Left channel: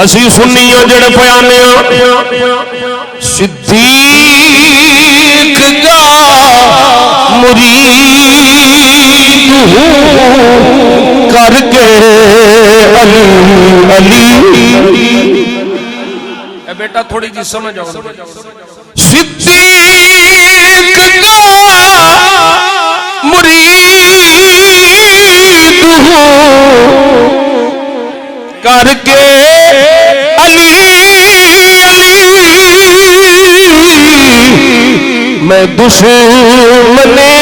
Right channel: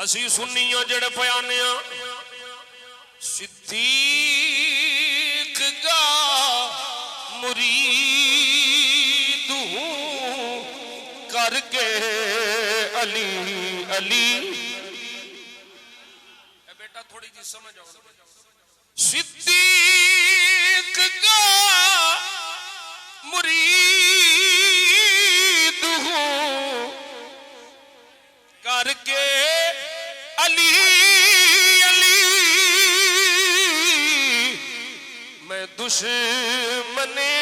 असी सुन्नी जड़े पयाने सिद्दीक दा मुरीद करके अली अली। बेटा थोड़ी जी समझ आओ। सिद्दीक दा मुरीद करके अली अली। मैं दुश्मने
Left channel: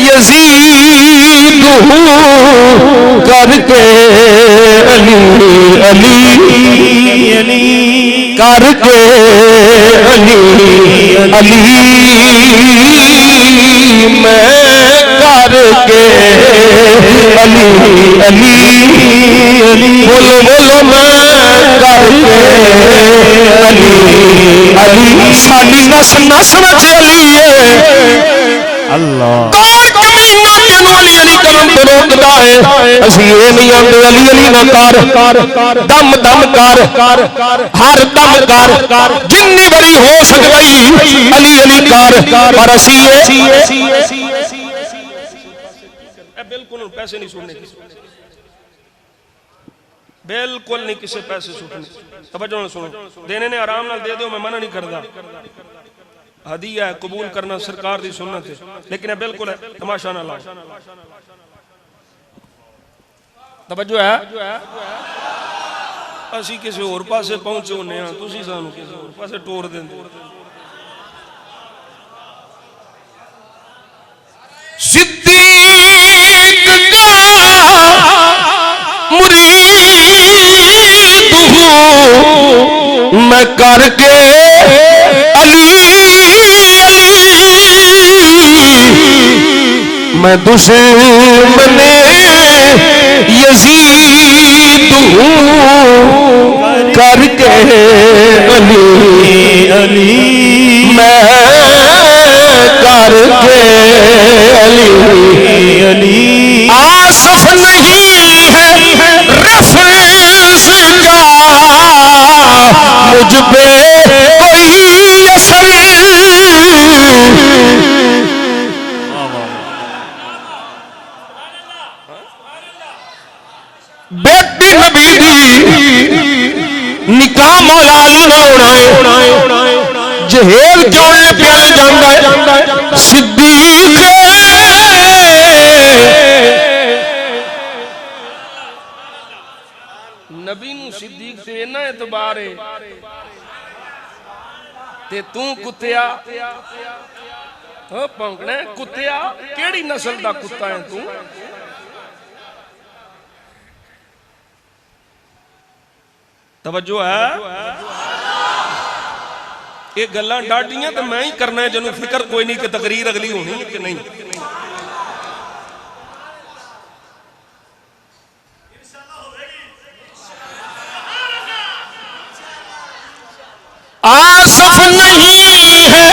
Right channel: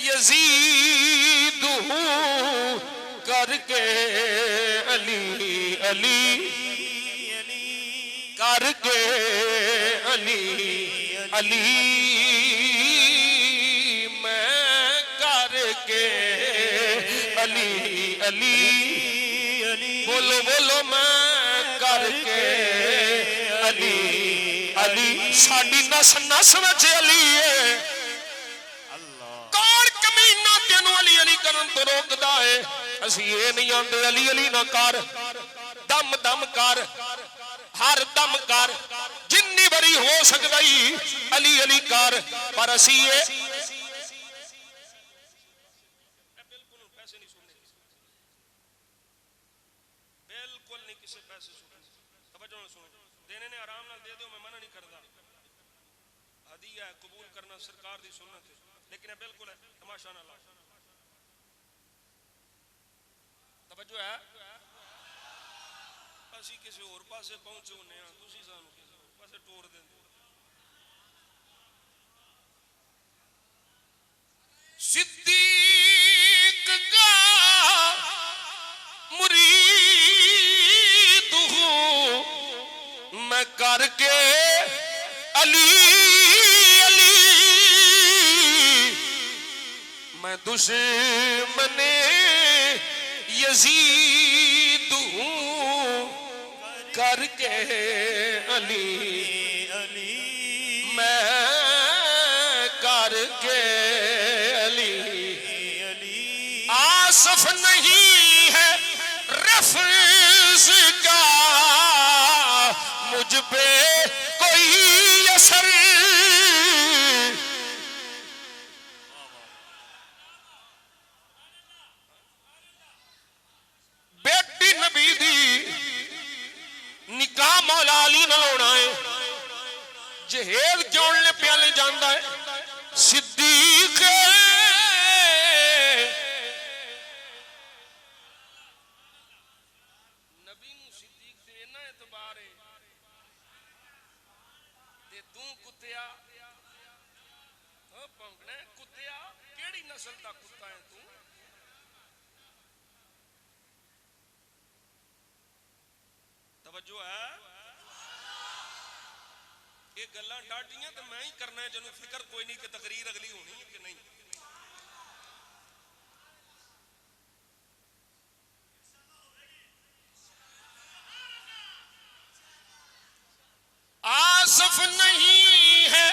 यजीद हूँ करके अली अली अली करके अली अली। मैं करके अली अली अली। बोलो बोलो मैं करके अली अली। साडी नस नस विच अली है अल्लाह। कौन कमीना तेनू अली अली करन तो रोकदा है? असीं ये नहीं आंदे अली अली ना कर, दम दम कर, हर दम कर, जिन्नी बड़ी हो सकई अली अली कर। पर असीं बिल्कुल पैसे नहीं सुनने, बिल्कुल नहीं किसी पैसे सुनने। तवज्जो नाल सुनो, देने ने आराम नाल दे दो, मैं मना नहीं करता। हदिया है, कबूल करना सरकार दी सुन्नत है, लेकिन है बिल्कुल है तमाशा ना लाओ। तवज्जो है। असी किसी होर पासे पहुंचे होने हां, तुसी सानू किसी होर पासे टोर देंदे। सिद्दीक दा मुरीद हूं मैं करके अली अली। मैं दुश्मने यजीद हूं करके अली अली। मैं करके अली अली। आसफ नहीं है रफ़्ज़ का मुझ पे कोई असर। बेटी नबी दी निकाह मौला अली ना होना है। जहेल क्यों प्याल जाता है? सिद्दीक नबी नू सिद्दीक से इन्ना एतबार है ते तू कुत्तिया हो भौंकना कुत्तिया। केड़ी नस्ल दा कुत्ता है तू? तवज्जो है। ये गल्लां डाडियां तो मैं ही करना है, जिन्होंने फिक्र कोई नहीं कि तकरीर अगली होनी है कि नहीं। आसफ नहीं है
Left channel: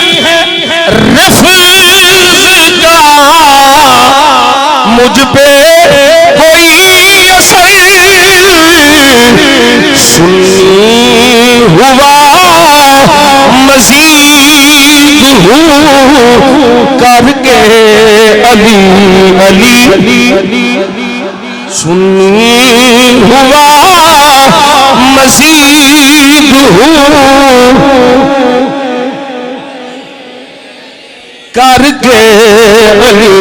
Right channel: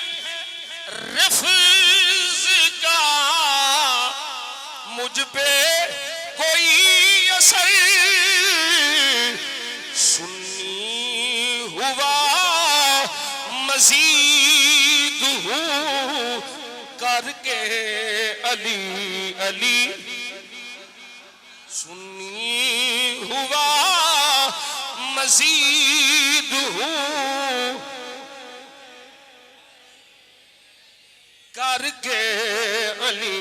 रफ़्ज़ का मुझ पे कोई असर। सुन्नी हुआ मज़ीद हूँ करके अली अली। सुन्नी हुआ मज़ीद हूँ करके अली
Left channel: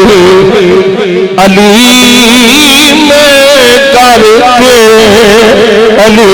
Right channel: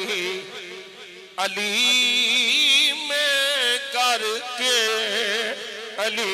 अली। मैं करके अली